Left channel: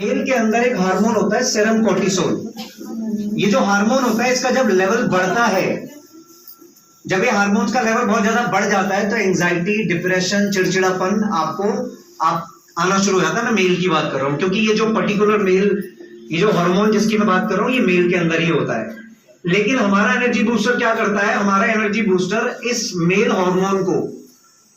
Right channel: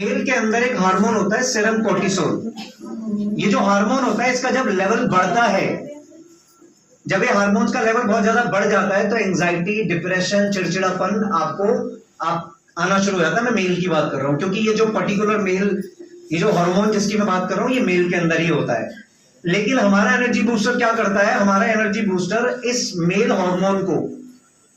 Mail के अंदर एक हार्मोन होता है सेरम कोर्टिसोल। ये जो हार्मोन होता है इसका जब लेवल बढ़ता है, जब ये हार्मोन्स का लेवल बहुत ज्यादा बढ़ जाता है तो एंजाइटी, डिप्रेशन, चिड़चिड़ापन आपको आना शुरू हो जाता है। मैं मेल की बात कर रहा हूं क्योंकि ये जो पर्टिकुलर मेल, ये जो हार्मोन जिसकी मैं बात कर रहा हूं ये मेल के अंदर ही होता है। लेकिन हमारा एनर्जी बूस्टर क्या करता है? हमारा एनर्जी बूस्टर इस मेल हार्मोन को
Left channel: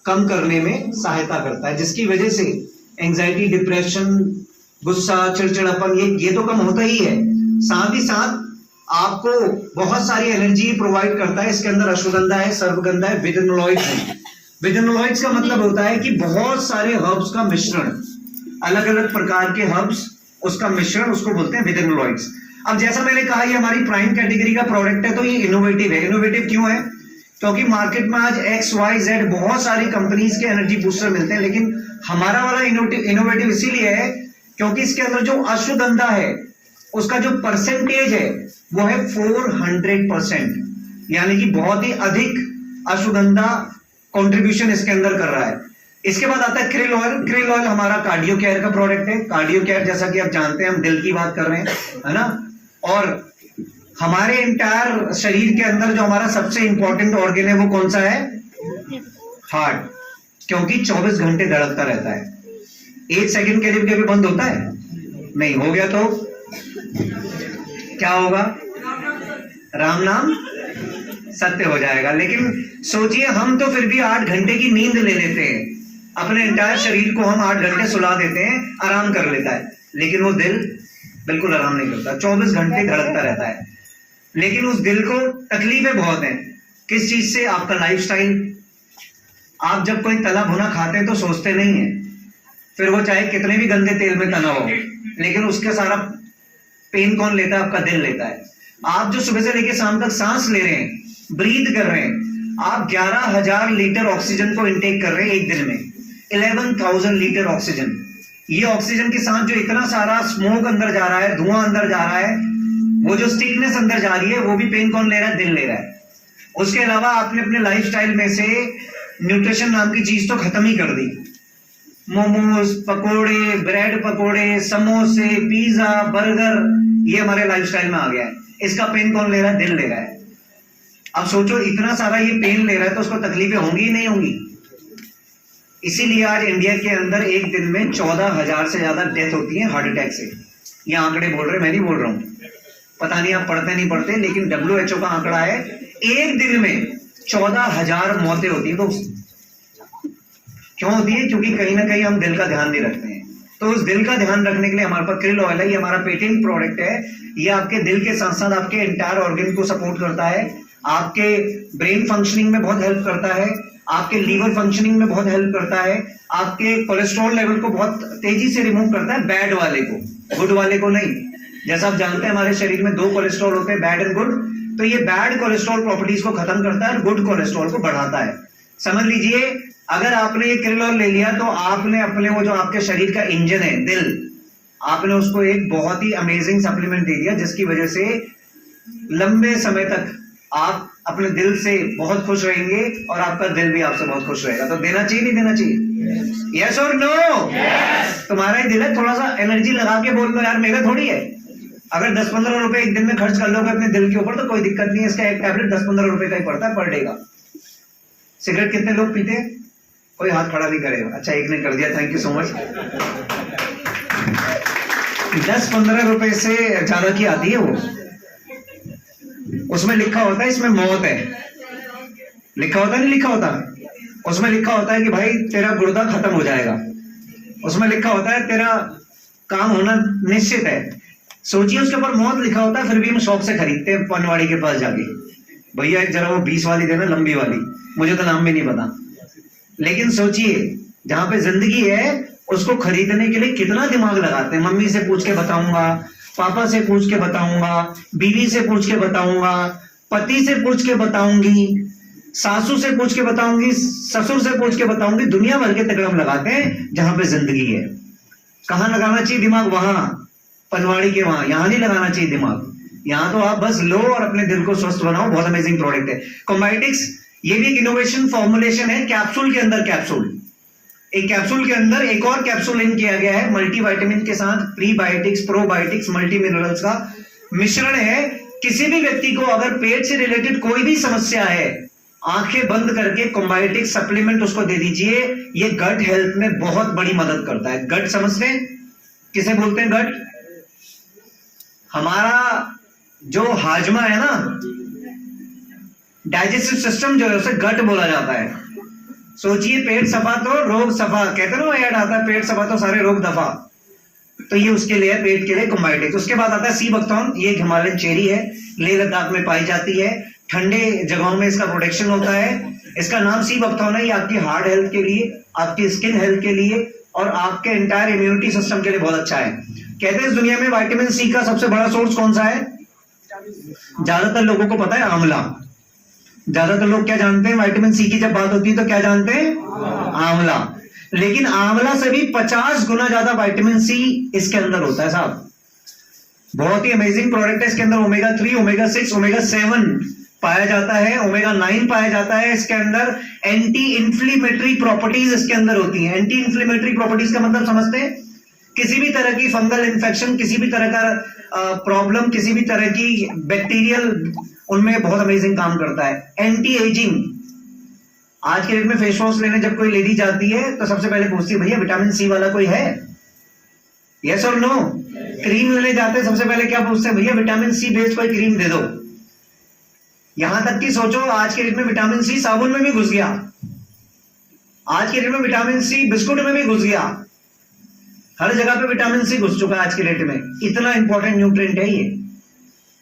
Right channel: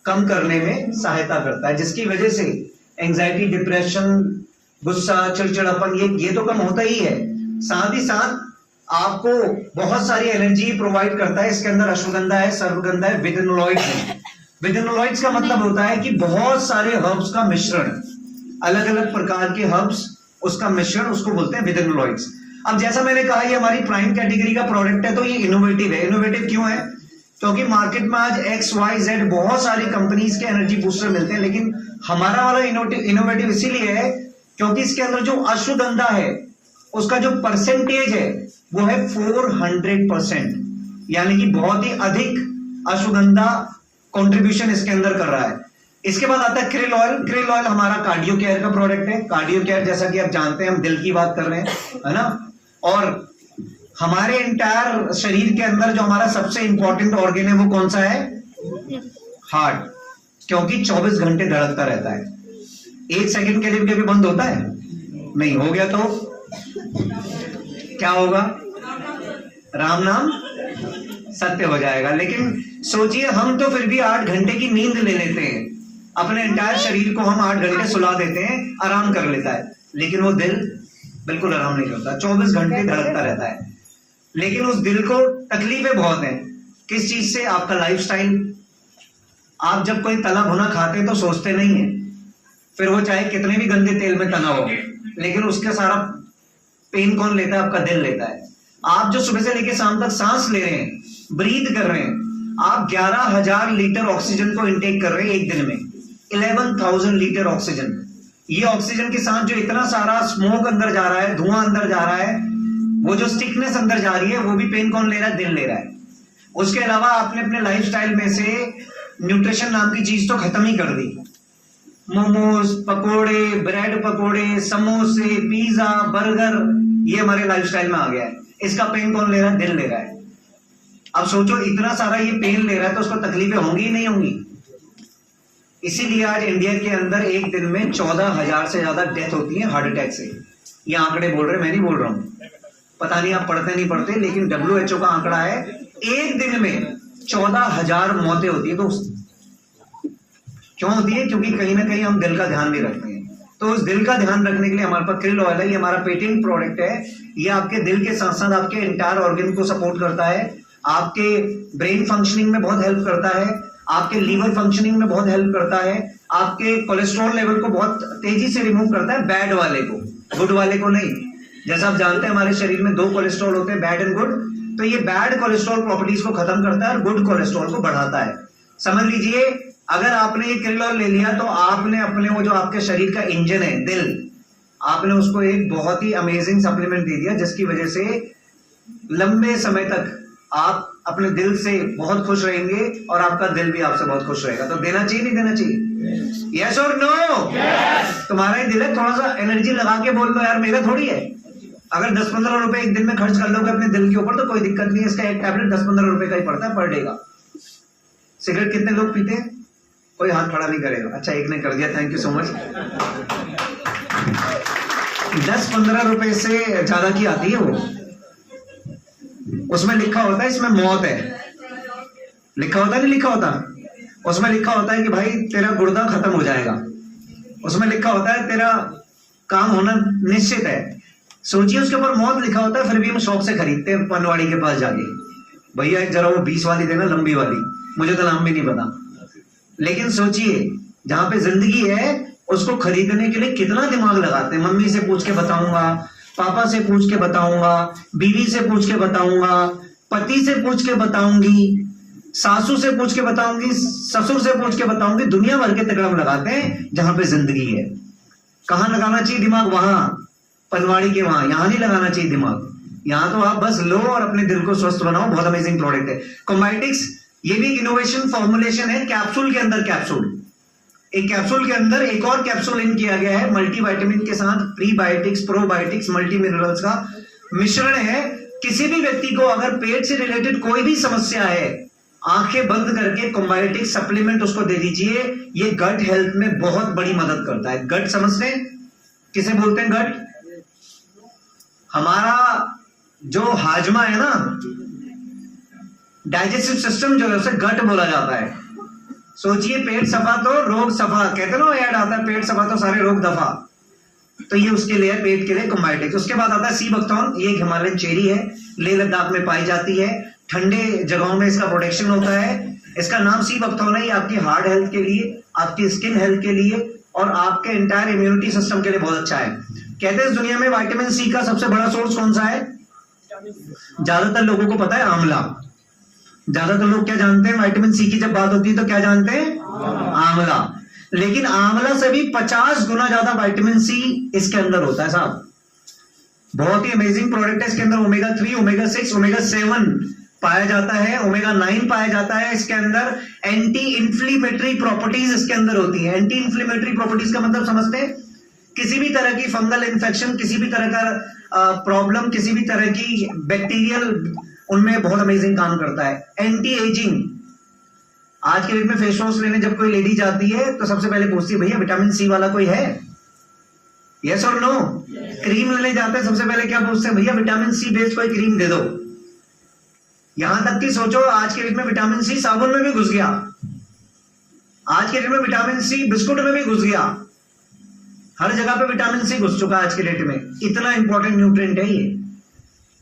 कम करने में सहायता करता है, जिसकी वजह से एंजाइटी, डिप्रेशन, गुस्सा, चिड़चिड़ापन ये तो कम होता ही है। साथ ही साथ आपको बहुत सारी एनर्जी प्रोवाइड करता है। इसके अंदर अश्वगंधा है, सर्वगंधा है, विदिनोलॉइड्स है। विदिनोलॉइड्स का मतलब होता है कि बहुत सारे हर्ब्स का मिश्रण, अलग अलग प्रकार के हर्ब्स, उसका मिश्रण, उसको बोलते हैं विदिनोलॉइड्स। अब जैसा मैंने कहा ये हमारी प्राइम कैटेगरी का प्रोडक्ट है तो ये इनोवेटिव है। इनोवेटिव क्यों है? क्योंकि मार्केट में आज XYZ बहुत सारी कंपनीज के एनर्जी बूस्टर मिलते हैं, लेकिन हमारा वाला इनोवेटिव इसीलिए है क्योंकि इसके अंदर जो अश्वगंधा है उसका जो परसेंटेज है वो है 400%, यानी कि बहुत ही अधिक अश्वगंधा कंट्रीब्यूशन इसके अंदर कर रहा है। इसके बाद आता है क्रिल ऑयल। क्रिल ऑयल हमारा कार्डियो केयर का प्रोडक्ट है। कार्डियो केयर जैसा कि आप जानते हैं हम दिल की बात कर रहे हैं, है ना। और हमारे एंटायर शरीर के अंदर जो हमारा सबसे इंपॉर्टेंट ऑर्गन है वो कौन सा है? हार्ट, क्योंकि 24 घंटे धड़कता रहता है। 1 सेकंड के लिए भी बंद होता है नहीं। हो गया तो क्या होगा? राम नाम सत्य हो जाएगा। लेकिन सोचिए हम तो फिर भी 8 घंटे की नींद ले लेते हैं, अपने एंटायर शरीर को हम 8 घंटे सुला देते हैं, आराम कर लेता है, लेकिन वो दिल बिल्कुल आराम नहीं करता, 24 घंटे धड़कता रहता है। लेकिन उस दिल को तकलीफें बहुत हैं। किस चीज से? आपका लाइफस्टाइल। आप जब कोई तला भुना खाते हैं तो सोचते नहीं है, फिर वो चाहे कितने भी गंदे तेल में तना हो, लेकिन उसके सारा पेन कौन लेता है? आपका दिल लेता है। आप जो सुबह से लेकर शाम तक सांस ले रहे हैं, ब्रीथ कर रहे हैं, आप 11,000 लीटर ऑक्सीजन को इनटेक कर रहे हैं एक दिन में। 11,000 लीटर ऑक्सीजन। ये ऑक्सीजन के साथ जो इतना सारा स्मोक अंदर जा रहा है, धुआं अंदर जा रहा है, वो जो स्टिकनेस अंदर जा रही है, वो भी पेन कौन ले रहा है? दिल ले रहा है। उसके अलावा आपने अपने लाइफस्टाइल में से न्यूट्रिशन नाम की चीज तो खत्म ही कर दी। मोमोज, पकोड़े, ब्रेड पकोड़े, समोसे, पिज्जा, बर्गर, ये हमारे लाइफस्टाइल में आ गया है। इसका पेन कौन ले रहा है? दिल ले रहा है। अब सोचो इतना सारा ये पेन ले रहा है तो उसको तकलीफें होंगी ही नहीं होंगी। इसीलिए आज इंडिया के अंदर एक दिन में 14,000 से ज्यादा डेथ होती है हार्ट अटैक से। ये आंकड़े बोल रहे, मैं नहीं बोल रहा हूं। पता नहीं आप पढ़ते नहीं पढ़ते, लेकिन WHO का आंकड़ा है एक दिन में 14,000 मौतें होती है। तो क्यों होती है? क्योंकि कहीं ना कहीं हम दिल का ध्यान नहीं रखते हैं। तो उस दिल का ध्यान रखने के लिए हमारे पास क्रिल ऑयल है। ये हमारा पेटेंट प्रोडक्ट है। ये आपके दिल के साथ साथ आपके एंटायर ऑर्गन को सपोर्ट करता है, आपके ब्रेन फंक्शनिंग में बहुत हेल्प करता है, आपके लीवर फंक्शनिंग में बहुत हेल्प करता है, आपके कोलेस्ट्रॉल लेवल को बहुत तेजी से रिमूव करता है, बैड वाले को, गुड वाले को नहीं। जैसा आप जानते हैं हमारे शरीर में 2 कोलेस्ट्रॉल होते हैं, बैड एंड गुड। तो ये बैड कोलेस्ट्रॉल प्रॉपर्टीज को खत्म करता है और गुड कोलेस्ट्रॉल को बढ़ाता है। समझ लीजिए अगर आपने ये क्रिल ऑयल ले लिया तो आपने अपने वो जो आपके शरीर का इंजन है, दिल, आपने उसको एक बहुत ही अमेजिंग सप्लीमेंट दे दिया, जिसकी वजह से लंबे समय तक आप अपने दिल से बहुत खुश रहेंगे और आपका दिल भी आपसे बहुत खुश रहेगा। तो देना चाहिए नहीं देना चाहिए? यस और नो? तुम्हारा ही दिल है, थोड़ा सा एनर्जी लगा के बोल लो यार, मेरा थोड़ी है। अगर 10-15 रुपए एक दिन में खर्च कर लोगे अपने दिल के ऊपर तो कोई दिक्कत नहीं है। इसका एक टैबलेट 10-15 रुपए का ही पड़ता है पर डे का। सिगरेट कितने लोग पीते हैं? कोई हाथ खड़ा नहीं करेगा। अच्छा, एक ने कर दिया, थैंक यू सो मच। 10-15 रुपए से ज्यादा की आती है वो। उसमें लिखा होता है इसमें मौत है, लिखा होता नहीं लिखा होता? उसमें लिखा होता है कि भाई तेरा गुर्दा खत्म हो जाएगा। उसमें लिखा होता है तेरा काम होना निश्चित है। सोचिए उसके ऊपर मौत लिखा होता है, फिर भी हम शौक से खरीदते हैं पनवाड़ी के पास जाके। भैया एक जरा वो 20 वाली देना, लंबी वाली, मुझे तो नाम भी नहीं पता। लेकिन सोचिए जहां पे जिंदगी है उसको खरीदने के लिए कितना दिमाग लगाते हैं। मम्मी से पूछ के बताऊंगा, पापा से पूछ के बताऊंगा, बीवी से पूछ के बताऊंगा, पति से पूछ के बताऊंगी, सासू से पूछ के बताऊंगी, ससुर से पूछ के बताऊंगी। दुनिया भर के तकड़म लगाते हैं जहां पे जिंदगी है। कहां लगाना चाहिए दिमाग? वहां, पनवाड़ी के वहां। यहां नहीं लगाना चाहिए दिमाग। यहां तो आप बस लो और अपने दिल को स्वस्थ बनाओ। बहुत अमेजिंग प्रोडक्ट है कॉम्बायोटिक्स। ये भी एक इनोवेशन फॉर्मुलेशन है, कैप्सूल के अंदर कैप्सूल। एक कैप्सूल के अंदर एक और कैप्सूल इन किया गया है मल्टीविटामिन के साथ, प्रीबायोटिक्स, प्रोबायोटिक्स, मल्टी मिनरल्स का मिश्रण है। किसी भी व्यक्ति को अगर पेट से रिलेटेड कोई भी समस्या है, आंखें बंद करके कॉम्बायोटिक सप्लीमेंट उसको दे दीजिए। ये गट हेल्थ में बहुत बड़ी मदद करता है। गट समझते हैं किसे बोलते हैं? गट हमारा जो हाजमा है ना, डाइजेस्टिव सिस्टम जो है उसे गट बोला जाता है। सोचिए पेट सफा तो रोग सफा, कहते ना ऐड आता है, पेट सफा तो सारे रोग दफा। तो ये उसके लिए है, पेट के लिए कॉम्बायोटिक्स। उसके बाद आता है सी बकथॉर्न। ये हिमालयन चेरी है, लेह लद्दाख में पाई जाती है, ठंडे जगहों में इसका प्रोटेक्शन होता है। इसका नाम सी बकथॉर्न है। ये आपकी हार्ट हेल्थ के लिए, आपकी स्किन हेल्थ के लिए और आपके एंटायर इम्यूनिटी सिस्टम के लिए बहुत अच्छा है। कहते हैं इस दुनिया में विटामिन सी का सबसे बड़ा सोर्स कौन सा है? ज्यादातर लोगों को पता है आंवला। ज्यादातर लोग क्या जानते हैं? विटामिन सी की जब बात होती है तो क्या जानते हैं? आंवला। लेकिन आंवला से भी 50 गुना ज्यादा विटामिन सी इसके अंदर होता है साहब। बहुत ही अमेजिंग प्रोडक्ट है। इसके अंदर ओमेगा 3, ओमेगा 6, ओमेगा 7 पाया जाता है, ओमेगा 9 पाया जाता है। इसके अंदर एंटी इंफ्लेमेटरी प्रॉपर्टीज इसके अंदर होती है। एंटी इंफ्लेमेटरी प्रॉपर्टीज का मतलब समझते हैं? किसी भी तरह की फंगल इन्फेक्शन, किसी भी तरह का प्रॉब्लम, किसी भी तरह की बैक्टीरियल, उनमें बहुत अमेजिंग काम करता है। Anti ageing. आज के डेट में फेस वॉश लेने जब कोई लेडी जाती है तो सबसे पहले पूछती है भैया विटामिन सी वाला कोई है? यस और नो? क्रीम लेने जाते हैं सबसे पहले क्या पूछते हैं? भैया विटामिन सी बेस्ड कोई क्रीम दे दो। यहां तक कि सोचो आज के डेट में विटामिन सी साबुन में भी घुस गया। आज के डेट में विटामिन सी बिस्कुट में भी घुस गया। हर जगह पे विटामिन सी घुस चुका है आज के डेट में। इतना इंपॉर्टेंट न्यूट्रिएंट है ये।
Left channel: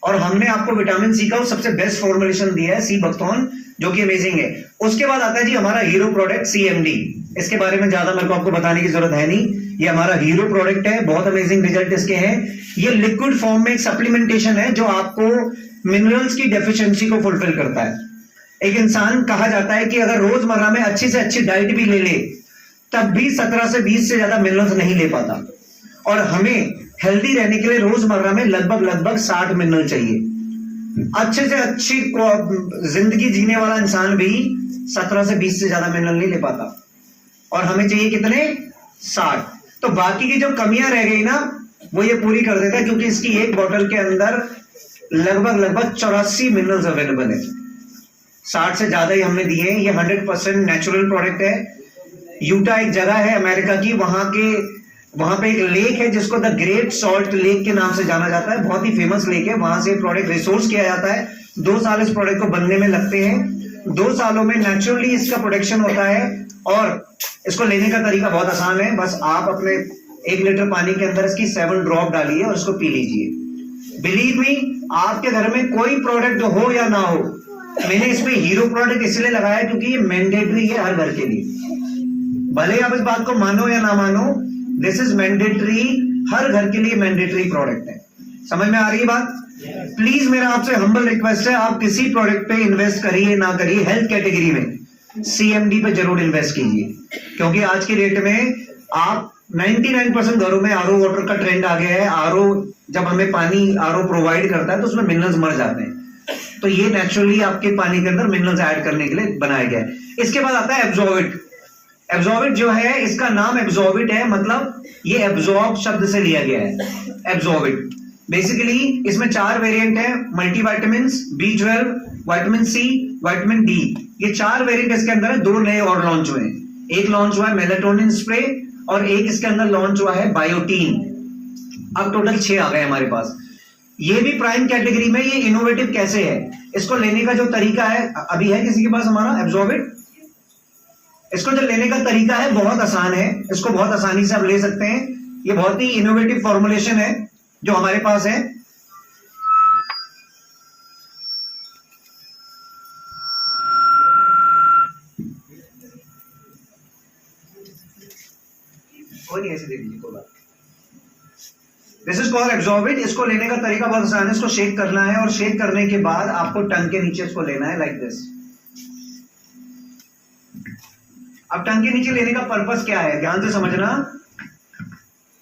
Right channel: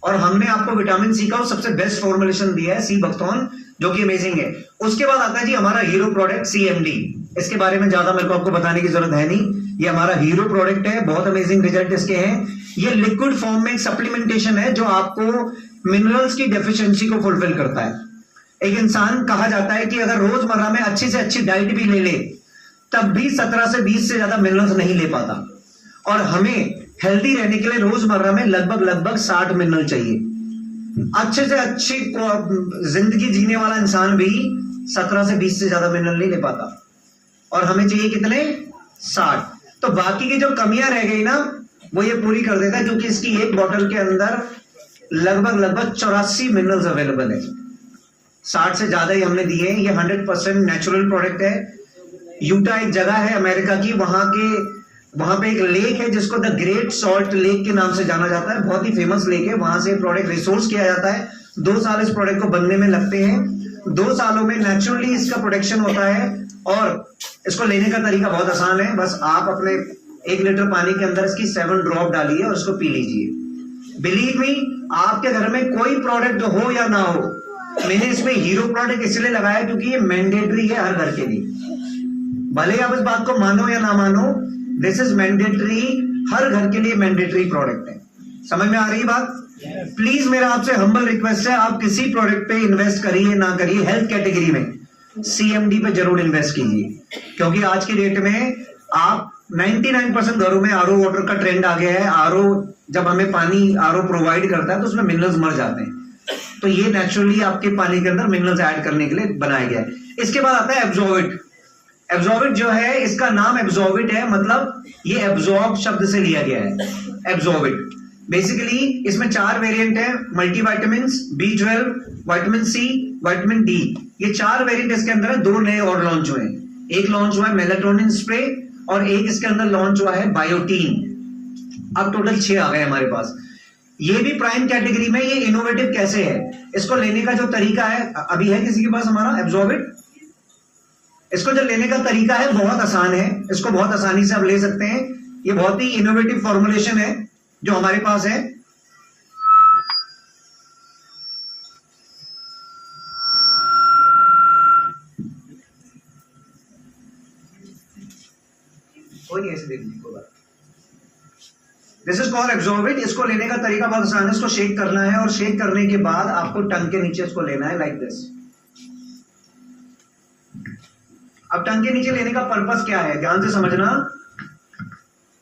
और हमने आपको विटामिन सी का सबसे बेस्ट फॉर्मुलेशन दिया है, सी बकथॉर्न, जो कि अमेजिंग है। उसके बाद आता है जी हमारा हीरो प्रोडक्ट सीएमडी। इसके बारे में ज्यादा मेरे को आपको बताने की जरूरत है नहीं। ये हमारा हीरो प्रोडक्ट है, बहुत अमेजिंग रिजल्ट इसके हैं। ये लिक्विड फॉर्म में एक सप्लीमेंटेशन है जो आपको मिनरल्स की डेफिशिएंसी को फुलफिल करता है। एक इंसान, कहा जाता है कि अगर रोजमर्रा में अच्छी से अच्छी डाइट भी ले ले तब भी 17 से 20 से ज्यादा मिनरल्स नहीं ले पाता। और हमें हेल्दी रहने के लिए रोजमर्रा में लगभग 60 मिनरल चाहिए। अच्छे से अच्छी जिंदगी जीने वाला इंसान भी 17 से 20 से ज्यादा मिनरल नहीं ले पाता। और हमें चाहिए कितने? 60। तो बाकी की जो कमियां रह गई ना वो ये पूरी कर देता है, क्योंकि इसकी एक बोतल के अंदर लगभग 84 मिनरल्स अवेलेबल है। 60 से ज्यादा ही हमने दिए हैं। ये 100% नेचुरल प्रोडक्ट है। यूटा एक जगह है अमेरिका की, वहां पे एक लेक है जिसको द ग्रेट सॉल्ट लेक के नाम से जाना जाता है। बहुत ही फेमस लेक है। वहां से प्रोडक्ट रिसोर्स किया जाता है। 2 साल इस प्रोडक्ट को बनने में लगते हैं। 2 सालों में नेचुरली इसका प्रोडक्शन होता है। और इसको लेने का तरीका बहुत आसान है। बस आप अपने 1 लीटर पानी के अंदर इसकी 7 ड्रॉप डालिए और उसको पी लीजिए। बिलीव मी, आपके घर में कोई प्रोडक्ट हो या ना हो, मैंने इसमें हीरो प्रोडक्ट इसलिए लगाया क्योंकि ये मैंडेटरी है हर घर के लिए। भले आप इस बात को मानो या ना मानो, दिस इज मैंडेटरी, हर घर के लिए मैंडेटरी प्रोडक्ट है। समझ में आ रही है बात? प्लीज मेरा आपसे हम्बल रिक्वेस्ट है, आप किसी प्रोडक्ट पे इन्वेस्ट करिए ना करिए, हेल्थ कैटेगरी में सीएमडी पे जरूर इन्वेस्ट कीजिए। क्योंकि आज की डेट में आप 99% घरों में आरओ वाटर का ट्रेंड आ गया है। आरओ, जब हमें पानी आरओ प्रोवाइड करता है तो उसमें मिनरल्स मर जाते हैं। तो ये नेचुरली आपके पानी के अंदर मिनरल्स ऐड करने के लिए बनाया गया है। इसके बाद आता है एब्जॉर्बिट। एब्जॉर्बिट जो है, इसका नाम एब्जॉर्बिट है, मतलब ये एब्जॉर्ब शब्द से लिया गया है। एब्जॉर्बिट बेसिकली इसमें 4 वेरिएंट है, multivitamin, B12, vitamin C, vitamin D. ये 4 वेरिएंट इसके अंदर है। 2 नए और लॉन्च हुए हैं। एक लॉन्च हुआ है मेलाटोनिन स्प्रे और एक इसके अंदर लॉन्च हुआ है बायोटीन। अब टोटल 6 आ गए हमारे पास। ये भी प्राइम कैटेगरी में। ये इनोवेटिव कैसे है, इसको लेने का जो तरीका है, अभी है किसी के पास हमारा एब्जॉर्बिट? इसको जो लेने का तरीका है बहुत आसान है। इसको बहुत आसानी से आप ले सकते हैं। ये बहुत ही इनोवेटिव फॉर्मुलेशन है जो हमारे पास है। कोई नहीं, ऐसे देख लीजिए। This is called absorbate. इसको लेने का तरीका बहुत आसान है। इसको शेक करना है और शेक करने के बाद आपको टंग के नीचे इसको लेना है, लाइक दिस। अब टंग के नीचे लेने का पर्पस क्या है, ध्यान से समझना।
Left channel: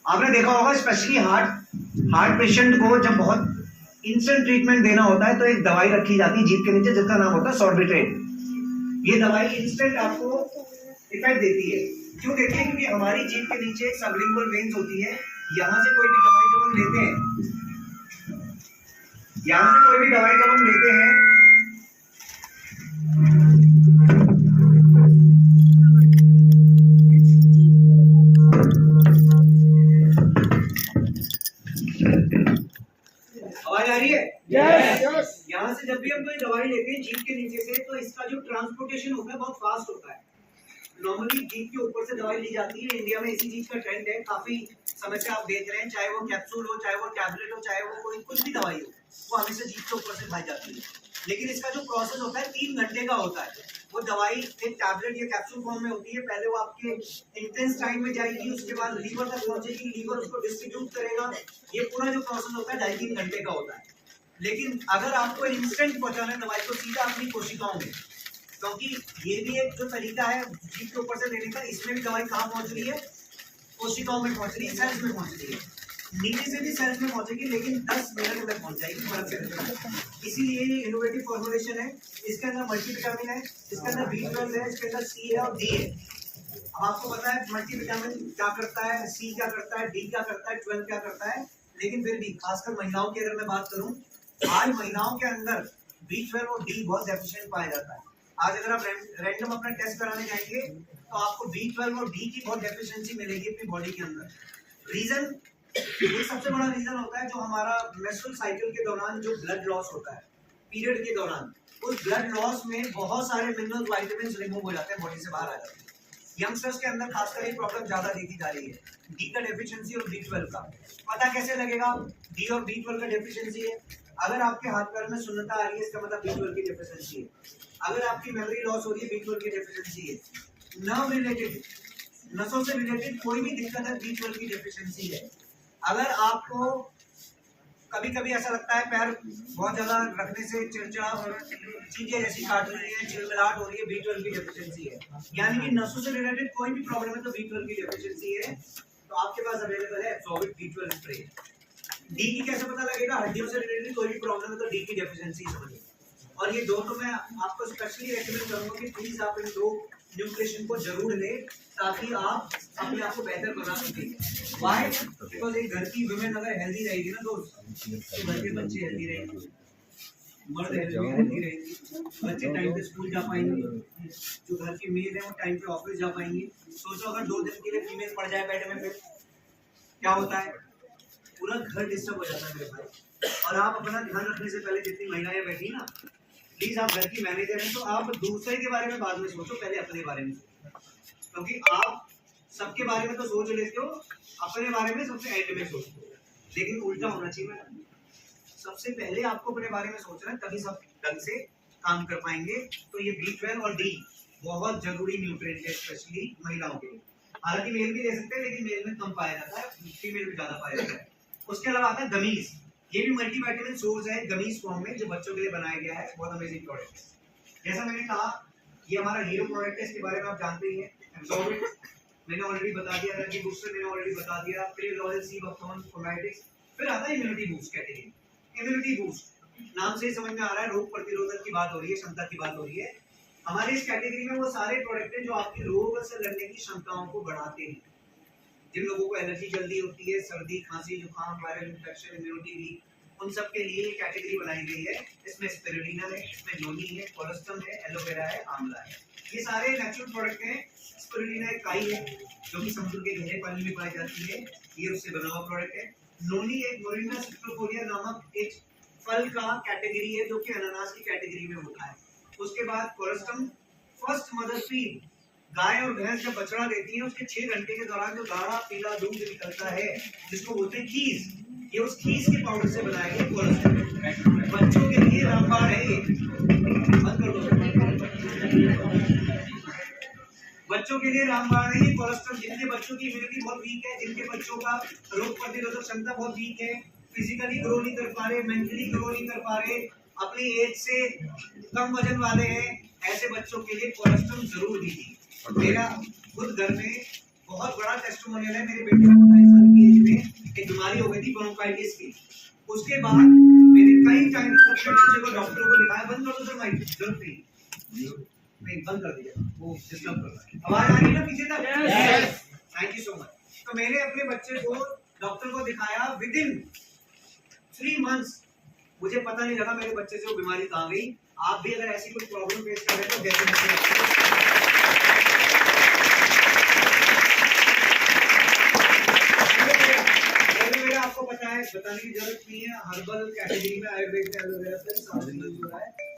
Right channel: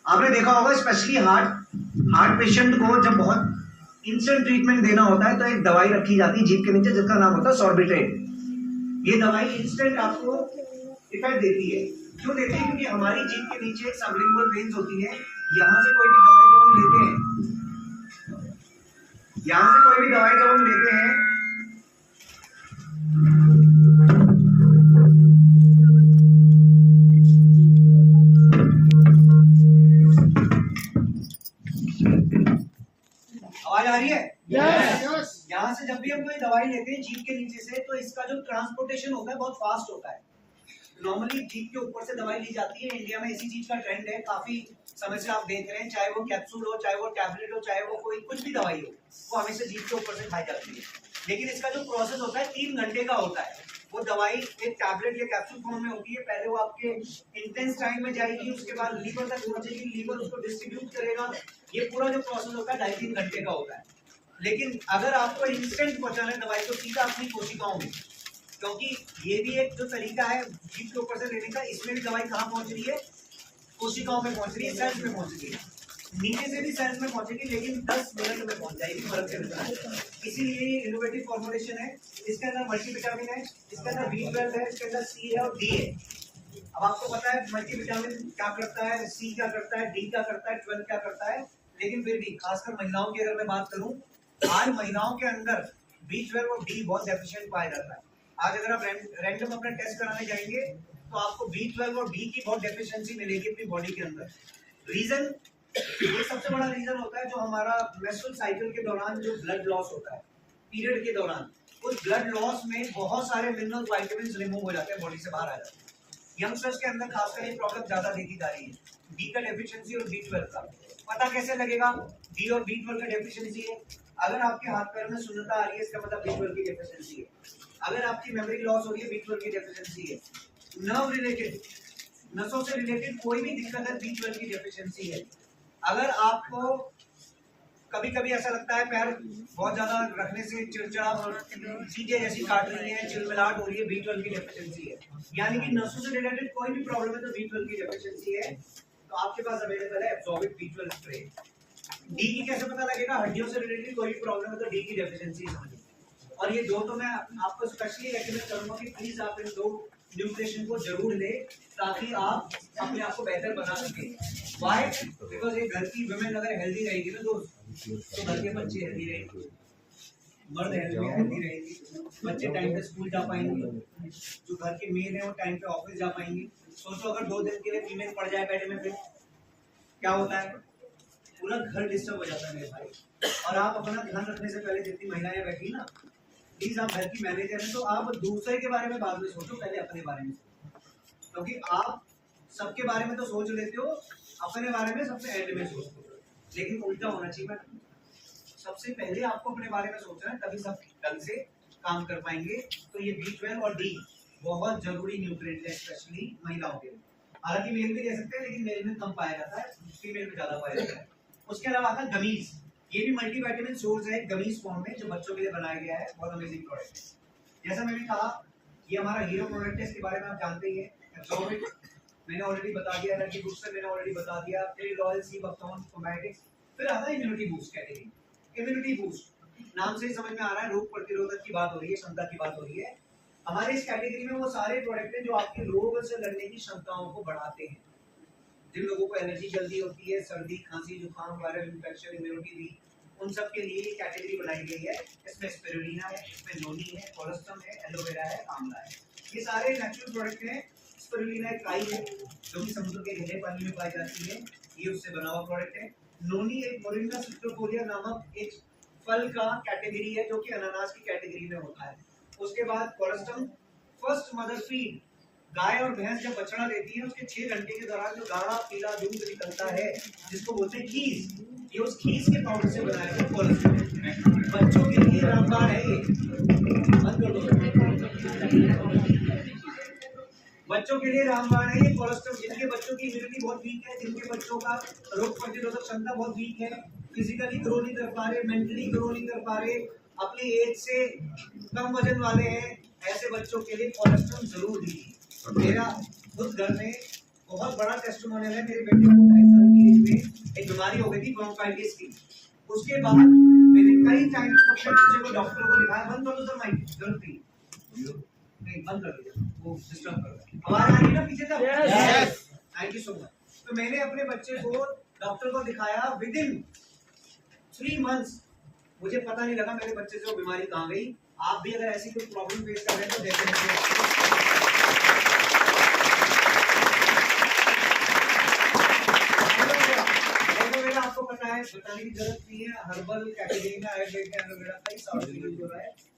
आपने देखा होगा स्पेशली हार्ट पेशेंट को जब बहुत इंस्टेंट ट्रीटमेंट देना होता है तो एक दवाई रखी जाती है जीभ के नीचे जिसका नाम होता है सॉर्बिट्रेट। ये दवाई इंस्टेंट आपको इफेक्ट देती है। क्यों देते हैं? क्योंकि हमारी जीभ के नीचे एक सबलिंगुअल वेन्स होती है। यहाँ से कोई भी दवाई जब हम लेते हैं, यहाँ से कोई भी दवाई जब हम लेते हैं, आवाज आ रही है? यस। यहाँ से जब भी हम कोई दवाई लेते हैं जीभ के नीचे से, तो इसका जो ट्रांसपोर्टेशन होता है बहुत फास्ट होता है। नॉर्मली जीभ के ऊपर से दवाई ली जाती है। इंडिया में इसी चीज का ट्रेंड है, काफी समय से आप देख रहे हैं, चाहे वो कैप्सूल हो, चाहे वो टैबलेट हो, चाहे वो कोई कुछ भी दवाई हो, वो हमेशा जीभ के ऊपर से खाई जाती है। लेकिन इसका जो प्रोसेस होता है 3 घंटे का होता है। वो दवाई एक टैबलेट या कैप्सूल फॉर्म में होती है। पहले वो आपके इंटेंस टाइम में जाएगी, उसके बाद लीवर तक पहुंचेगी, लीवर उसको डिस्ट्रीब्यूट करेगा। ये पूरा जो प्रोसेस होता है 2.5-3 घंटे का होता है। लेकिन अगर आपको इंस्टेंट पहुंचाना है दवाई को सीधा अपनी कोशिकाओं में, क्योंकि ये भी एक जो तरीका है जीभ के ऊपर से लेने का, इसमें भी दवाई कहाँ पहुंच रही है? कोशिकाओं में पहुंच रही है, सेल्स में पहुंच रही है। नीचे से भी सेल्स में पहुंचेगी, लेकिन 10 मिनट में पहुंच जाएगी, फर्क है। इसीलिए ये इनोवेटिव फॉर्मुलेशन है। इसके अंदर मल्टीविटामिन है, इसके अंदर B12 है, इसके अंदर C है और D है। अब आपको पता है मल्टीविटामिन क्या करता है, C क्या करता है, D क्या करता है, 12 क्या करता है। लेकिन फिर भी खासकर महिलाओं की अगर मैं बात करूं, आज महिलाओं के अंदर B12 और D बहुत डेफिशिएंट पाया जाता है। आज अगर आप रैंडम अपना टेस्ट कराने जाएंगे तो आपको B12 और D की बहुत डेफिशिएंसी मिलेगी अपनी बॉडी के अंदर। रीजन, ये सबसे बड़ा रीजन होता है जो हमारा मेंस्ट्रुअल साइकिल के दौरान जो ब्लड लॉस होता है, पीरियड के दौरान, उस ब्लड लॉस में बहुत सारे मिनरल्स, विटामिन्स रिमूव हो जाते हैं, बॉडी से बाहर आ जाते हैं। यंगस्टर्स के अंदर खासकर ये प्रॉब्लम ज्यादा देखी जा रही है, डी का डेफिशिएंसी और B12 का। पता कैसे लगेगा डी और B12 का डेफिशिएंसी है? अगर आपके हाथ पैर में सुन्नता आ रही है, इसका मतलब B12 की डेफिशिएंसी है। अगर आपकी मेमोरी लॉस हो रही है, B12 की डेफिशिएंसी है। नर्व रिलेटेड, नसों से रिलेटेड कोई भी दिक्कत है, B12 की डेफिशिएंसी है। अगर आपको कभी कभी ऐसा लगता है पैर बहुत ज्यादा रखने से चिड़चिड़ा और चीजें जैसी काट रही हैं, चिलमिलाहट हो रही है, B12 की डेफिशिएंसी है। यानी कि नसों से रिलेटेड कोई भी प्रॉब्लम है तो B12 की डेफिशिएंसी है। तो आपके पास अवेलेबल है एब्सॉर्बिट B12 स्प्रे। डी की कैसे पता लगेगा? हड्डियों से रिलेटेड कोई भी प्रॉब्लम है तो डी की डेफिशिएंसी समझिए। और ये दो तो मैं आपको स्पेशली रेकमेंड करूंगा कि प्लीज आप इन 2 न्यूट्रिशन को जरूर ले, ताकि आप अपने आप को बेहतर बना सके। व्हाई? बिकॉज एक घर की वुमेन अगर हेल्दी रहेगी ना दोस्त, तो घर के बच्चे हेल्दी रहेंगे, मर्द हेल्दी रहेंगे, बच्चे टाइम पे स्कूल जा पाएंगे, जो घर की मेल है वो टाइम पे ऑफिस जा पाएंगे। सोचो अगर 2 दिन के लिए फीमेल पड़ जाए बेड में, फिर क्या होता है? पूरा घर डिस्टर्ब हो जाता है मेरे भाई। और आप अपना ध्यान रखने से पहले, जितनी महिलाएं बैठी ना, प्लीज आप घर की मैनेजर हैं तो आप दूसरे के बारे में बाद में सोचो, पहले अपने बारे में सोचो। क्योंकि आप सबके बारे में तो सोच लेते हो, अपने बारे में सबसे एंड में सोचते हो। लेकिन उल्टा होना चाहिए मैडम, सबसे पहले आपको अपने बारे में सोचना है, तभी सब ढंग से काम कर पाएंगे। तो ये B12 और D बहुत जरूरी न्यूट्रिएंट है, स्पेशली महिलाओं के लिए। हालांकि मेल भी दे सकते हैं, लेकिन मेल में कम पाया जाता है, फीमेल में ज्यादा पाया जाता है। उसके अलावा आता है गमीज। ये भी मल्टीविटामिन सोर्स है गमीज फॉर्म में, जो बच्चों के लिए बनाया गया है। बहुत अमेजिंग प्रोडक्ट है। जैसा मैंने कहा, ये हमारा हीरो प्रोडक्ट है, इसके बारे में आप जानते ही हैं। एब्सॉर्बिट मैंने ऑलरेडी बता दिया, एनर्जी बूस्टर मैंने ऑलरेडी बता दिया, फिर लॉयल सी बक्थॉन फोमेटिक्स। फिर आता है immunity boost category. Immunity boost नाम से ही समझ में आ रहा है, रोग प्रतिरोधक की बात हो रही है, क्षमता की बात हो रही है। हमारे इस कैटेगरी में वो सारे प्रोडक्ट हैं जो आपकी रोग से लड़ने की क्षमताओं को बढ़ाते हैं। जिन लोगों को एलर्जी जल्दी होती है, सर्दी, खांसी, जुकाम, वायरल इंफेक्शन, इम्यूनिटी वीक, उन सब के लिए ये कैटेगरी बनाई गई है। इसमें स्पिरुलिना है, इसमें नोनी है, कोलेस्ट्रम है, एलोवेरा है, आंवला है। ये सारे नेचुरल प्रोडक्ट हैं। स्पिरुलिना एक काई है जो कि समुद्र के गहरे पानी में पाई जाती है, ये उससे बना हुआ प्रोडक्ट है। नोनी एक मोरिंगा सिट्रोकोरिया नामक एक फल का कैटेगरी है, जो कि अनानास की कैटेगरी में होता है। उसके बाद कोलेस्ट्रम फर्स्ट मदर फीड, गाय और भैंस जब बछड़ा देती है, उसके 6 घंटे के दौरान जो गाढ़ा पीला दूध निकलता है, जिसको बोलते हैं खीस, ये उस खीस के पाउडर से बनाया गया कोलेस्ट्रॉल। बच्चों के लिए रामबाण है ये, बंद कर दो। बच्चों के लिए रामबाण है ये कोलेस्ट्रॉल। जिनके बच्चों की इम्यूनिटी बहुत वीक है, जिनके बच्चों का रोग प्रतिरोधक क्षमता बहुत वीक है, फिजिकली ग्रो नहीं कर पा रहे, मेंटली ग्रो नहीं कर पा रहे, अपनी एज से कम वजन वाले हैं, ऐसे बच्चों के लिए कोलेस्ट्रॉल जरूर दीजिए। मेरा खुद घर में बहुत बड़ा टेस्टिमोनियल है। मेरे बेटे को 2.5 साल की एज में एक बीमारी हो गई थी, ब्रोंकाइटिस की। उसके बाद मैंने कई टाइम अपने बच्चे को डॉक्टर को दिखाया, बंद कर दो सर माइक, जरूरत नहीं। नहीं बंद कर दीजिए, वो डिस्टर्ब कर रहा है। आवाज आ रही है ना पीछे तक? Yes. Thank you so much. तो मैंने अपने बच्चे को डॉक्टर को दिखाया, विद इन 3 मंथ्स मुझे पता नहीं लगा मेरे बच्चे से वो बीमारी कहाँ गई। आप भी अगर ऐसी कोई प्रॉब्लम फेस कर रहे हैं तो डेफिनेटली एलोवेरा आपको पता है, बताने की जरूरत नहीं है, हर्बल कैटेगरी में आयुर्वेद में एलोवेरा का ही सारा यूज हो रहा है।